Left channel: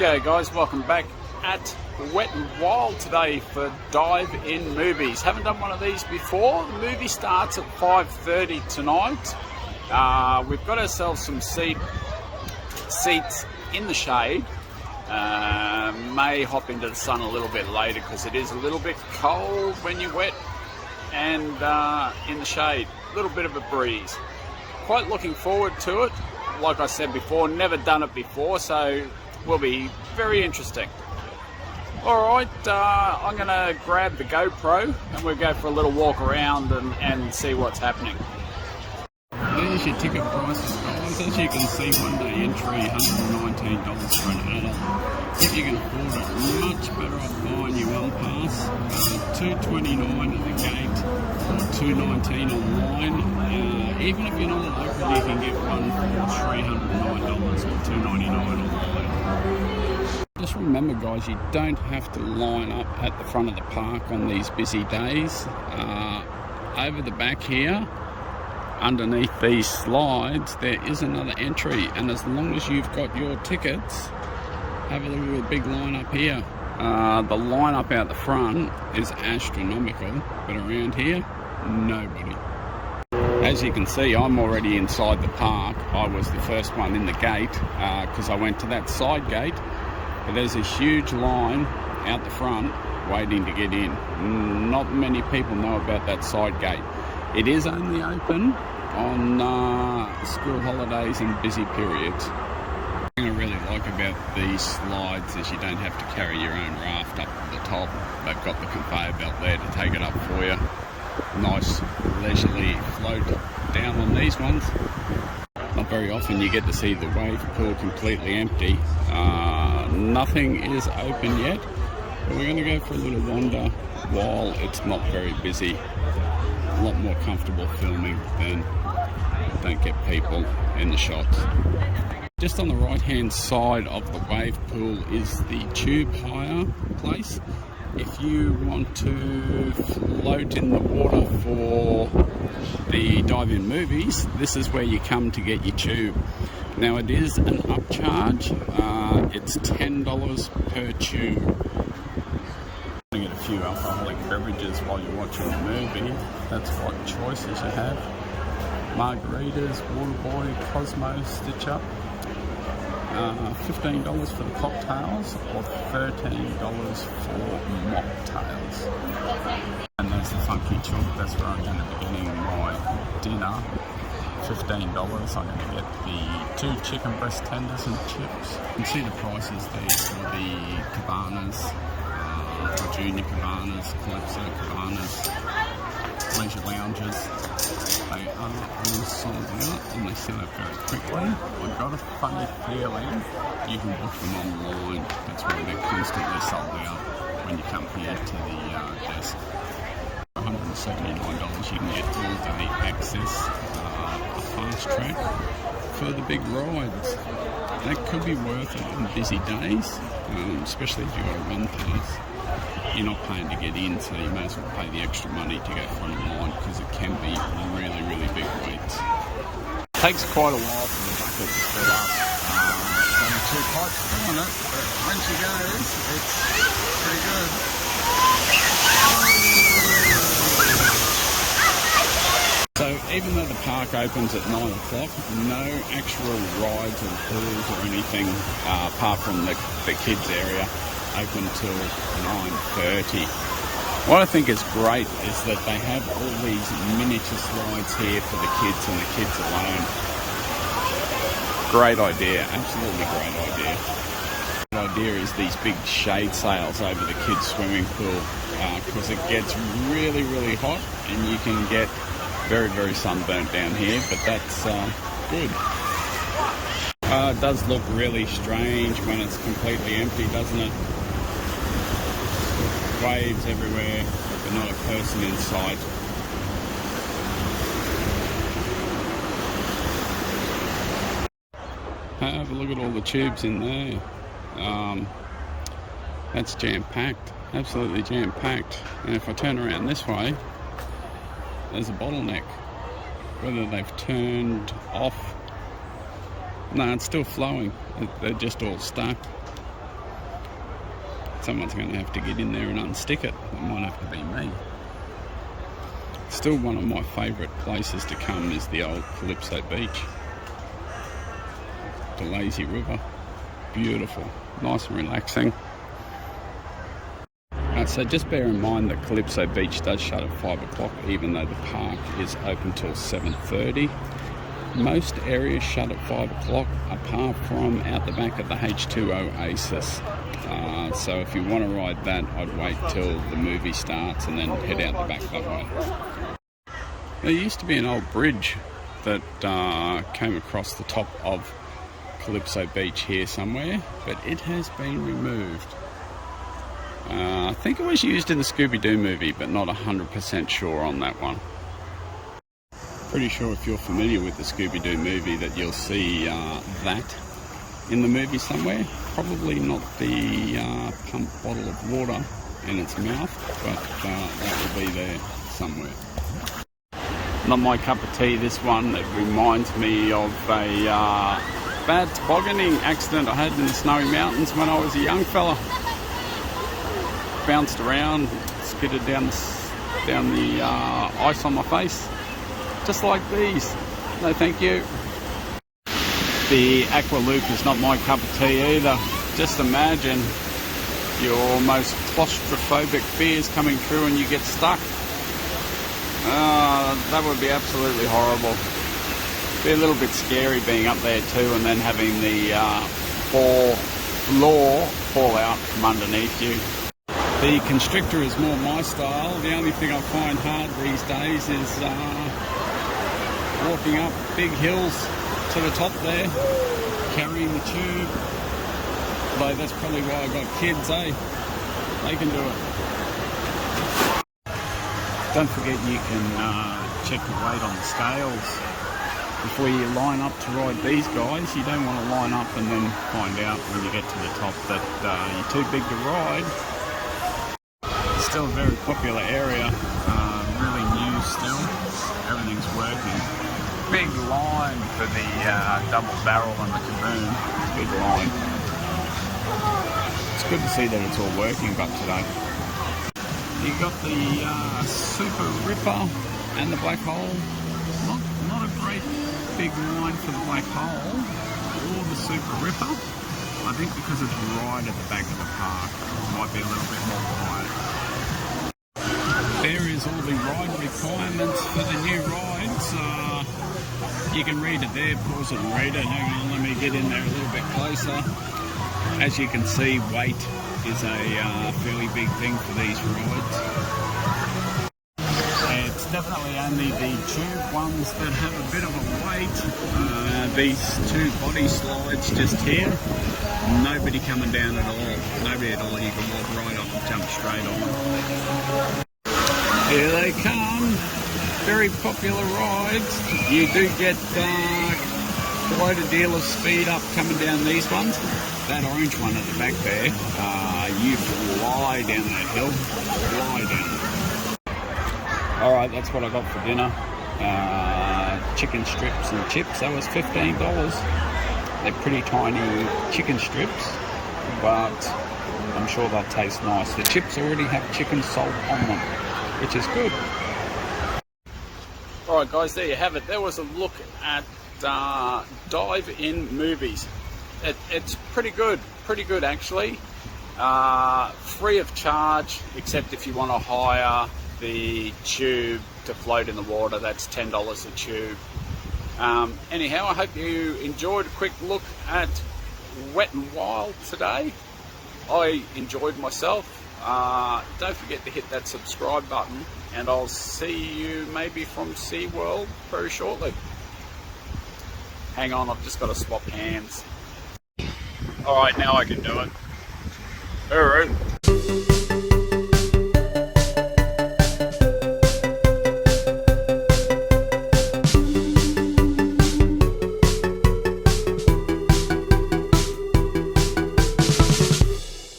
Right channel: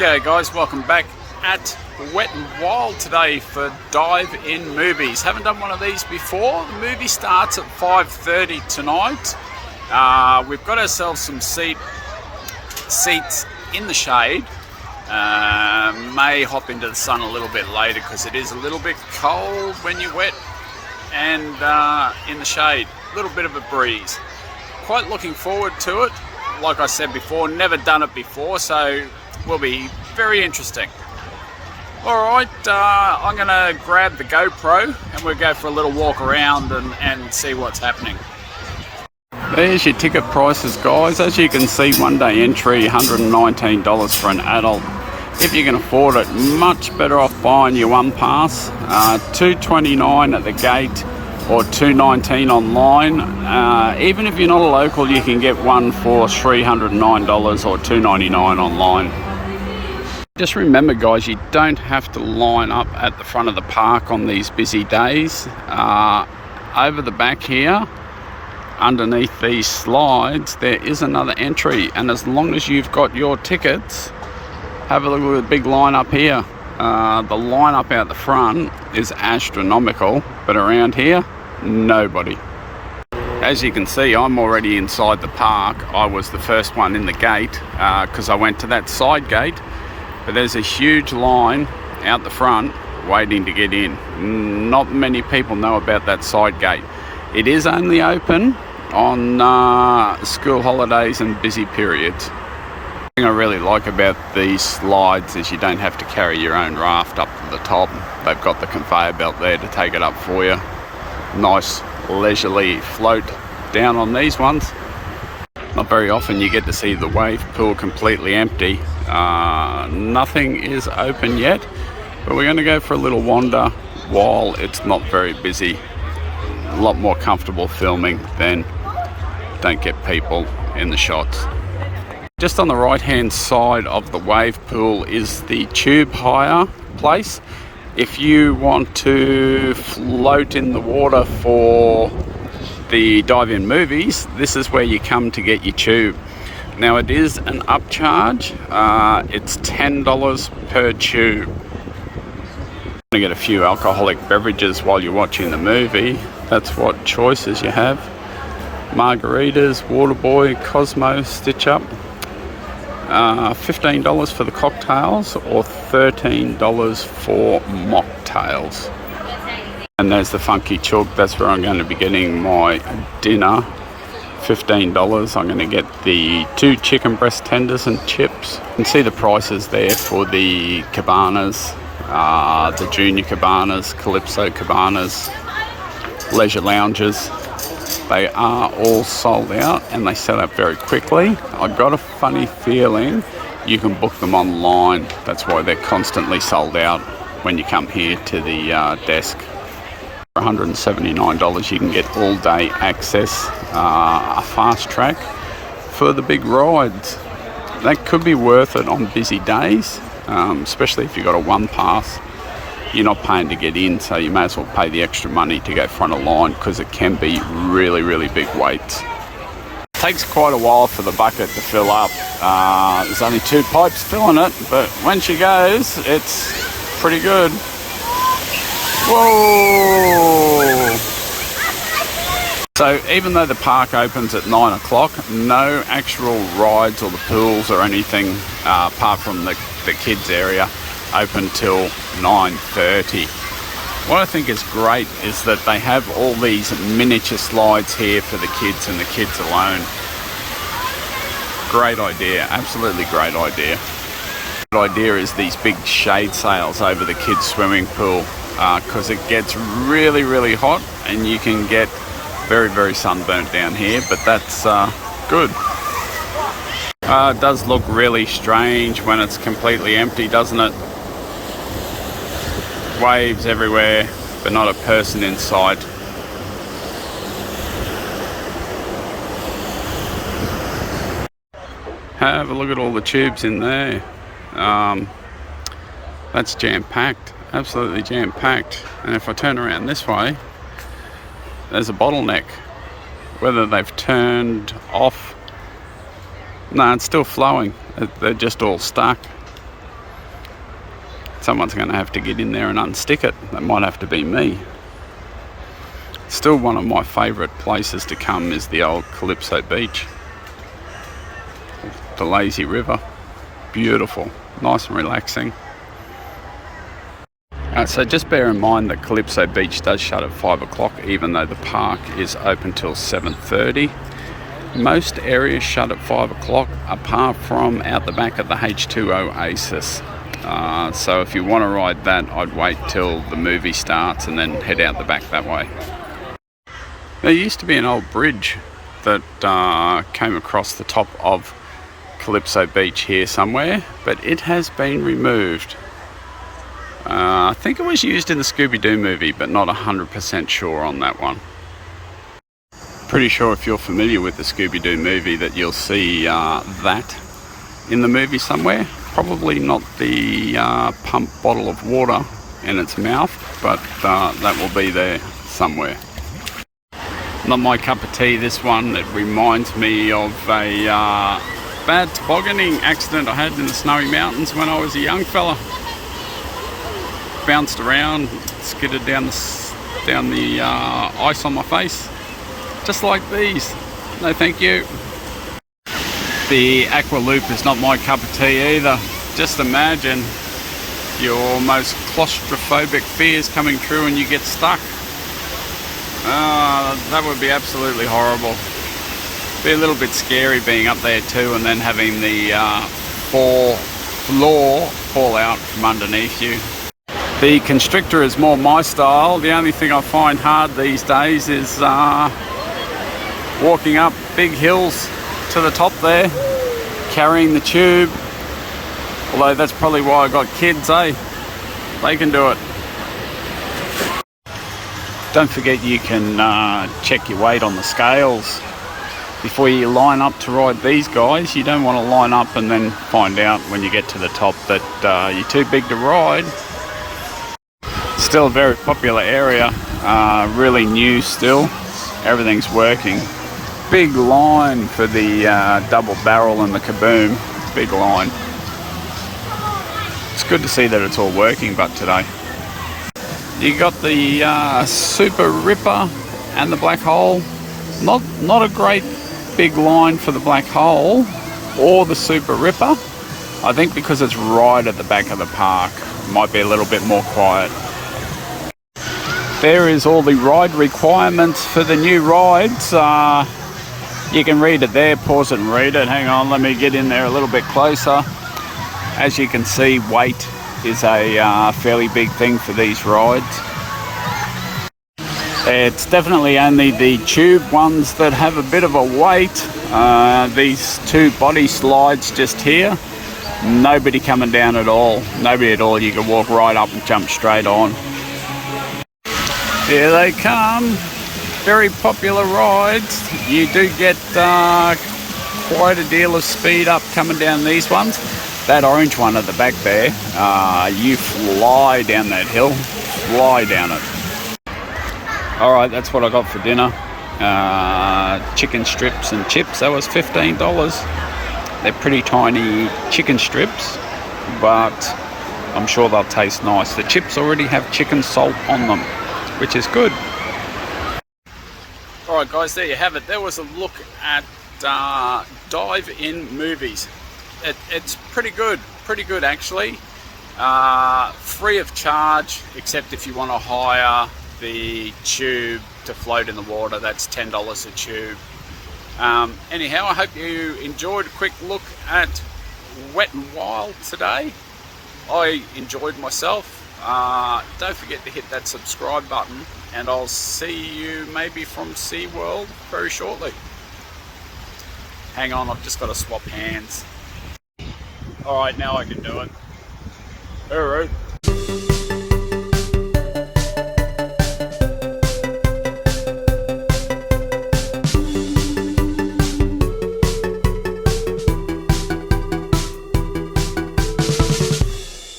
G'day guys, welcome back at Wet and Wild today for Dive-In Movies. Haven't done one of these before. The movie starts at 5:30 tonight. We've got ourselves some seats in the shade. May hop into the sun a little bit later because it is a little bit cold when you're wet and in the shade. A little bit of a breeze. Quite looking forward to it. Like I said before, never done it before, so will be very interesting. Alright, I'm going to grab the GoPro and we'll go for a little walk around and see what's happening. There's your ticket prices, guys. As you can see, one-day entry, $119 for an adult. If you can afford it, much better off buying your one pass. $229 at the gate or $219 online. Even if you're not a local, you can get one for $309 or $299 online. Just remember, guys, you don't have to line up at the front of the park on these busy days. Over the back here, underneath these slides, there is another entry, and as long as you've got your tickets, have a look at the big line up here. The line up out the front is astronomical, but around here, nobody. As you can see, I'm already inside the park. I was the first one in the gate because I went to that side gate, but there's a huge line out the front waiting to get in. Not many people know about that side gate. It is only open on school holidays and busy periods. The thing I really like about these slides is you don't have to carry your own raft up to the top. They've got the conveyor belt there to take it up for you. Nice leisurely float down on these ones. Not very often you get to see the wave pool completely empty. Nothing is open yet, but we're going to go for a little wander while it's not very busy. A lot more comfortable filming, then don't get people in the shots. Just on the right hand side of the wave pool is the tube hire place. If you want to float in the water for the Dive-In Movies, this is where you come to get your tube. Now it is an upcharge. It's $10 per tube. You're going to get a few alcoholic beverages while you're watching the movie. That's what choices you have. Margaritas, Waterboy, Cosmo, Stitch Up. $15 for the cocktails or $13 for mocktails. And there's the Funky Chook. That's where I'm going to be getting my dinner. $15. I'm going to get the 2 chicken breast tenders and chips. You can see the prices there for the Cabanas, the Junior Cabanas, Calypso Cabanas, leisure lounges. They are all sold out and they sell out very quickly. I've got a funny feeling you can book them online. That's why they're constantly sold out when you come here to the desk. For $179 you can get all day access, a fast track for the big rides. That could be worth it on busy days, especially if you've got a one pass. You're not paying to get in, so you may as well pay the extra money to go front of line because it can be really, really big waits. Takes quite a while for the bucket to fill up. There's only 2 pipes filling it, but when she goes, it's pretty good. Whoa! So even though the park opens at 9 o'clock, no actual rides or the pools or anything apart from the kids area open till 9:30. What I think is great is that they have all these miniature slides here for the kids and the kids alone. Great idea, absolutely great idea. The idea is these big shade sails over the kids swimming pool because it gets really, really hot and you can get very, very sunburnt down here, but that's good. It does look really strange when it's completely empty, doesn't it? Waves everywhere, but not a person in sight. Have a look at all the tubes in there. That's jam-packed, absolutely jam-packed. And if I turn around this way, there's a bottleneck. Whether they've turned off, no, it's still flowing. They're just all stuck. Someone's going to have to get in there and unstick it. That might have to be me. Still one of my favourite places to come is the old Calypso Beach. The lazy river. Beautiful. Nice and relaxing. So just bear in mind that Calypso Beach does shut at 5 o'clock, even though the park is open till 7:30. Most areas shut at 5 o'clock, apart from out the back of the H2 Oasis. So if you want to ride that, I'd wait till the movie starts and then head out the back that way. There used to be an old bridge that came across the top of Calypso Beach here somewhere, but it has been removed. I think it was used in the ScoobyDoo movie, but not 100% sure on that one. Pretty sure if you're familiar with the ScoobyDoo movie that you'll see that in the movie somewhere. Probably not the pump bottle of water in its mouth, but that will be there somewhere. Not my cup of tea, this one. It reminds me of a bad tobogganing accident I had in the Snowy Mountains when I was a young fella. Bounced around, skidded down the ice on my face, just like these. No thank you. The Aqua Loop is not my cup of tea either. Just imagine your most claustrophobic fears coming true and you get stuck. That would be absolutely horrible. Be a little bit scary being up there too, and then having the floor fall out from underneath you. The Constrictor is more my style. The only thing I find hard these days is walking up big hills to the top there, carrying the tube. Although that's probably why I got kids, eh? They can do it. Don't forget you can check your weight on the scales before you line up to ride these guys. You don't want to line up and then find out when you get to the top that you're too big to ride. Still a very popular area, really new still. Everything's working. Big line for the double barrel and the kaboom. Big line. It's good to see that it's all working, but today. You got the Super Ripper and the Black Hole. Not a great big line for the Black Hole or the Super Ripper. I think because it's right at the back of the park, it might be a little bit more quiet. There is all the ride requirements for the new rides. You can read it there, pause it and read it. Hang on, let me get in there a little bit closer. As you can see, weight is a fairly big thing for these rides. It's definitely only the tube ones that have a bit of a weight. These two body slides just here, nobody coming down at all. Nobody at all. You can walk right up and jump straight on. Here they come. Very popular rides. You do get quite a deal of speed up coming down these ones. That orange one at the back there, you fly down that hill, fly down it. All right, that's what I got for dinner. Chicken strips and chips. That was $15. They're pretty tiny chicken strips, but I'm sure they'll taste nice. The chips already have chicken salt on them, which is good. All right, guys, there you have it. There was a look at dive-in movies. It's pretty good actually. Free of charge, except if you want to hire the tube to float in the water. That's $10 a tube. Anyhow, I hope you enjoyed a quick look at Wet n Wild today. I enjoyed myself. Don't forget to hit that subscribe button, and I'll see you maybe from SeaWorld very shortly. Hang on, I've just got to swap hands. Alright, now I can do it. Alright.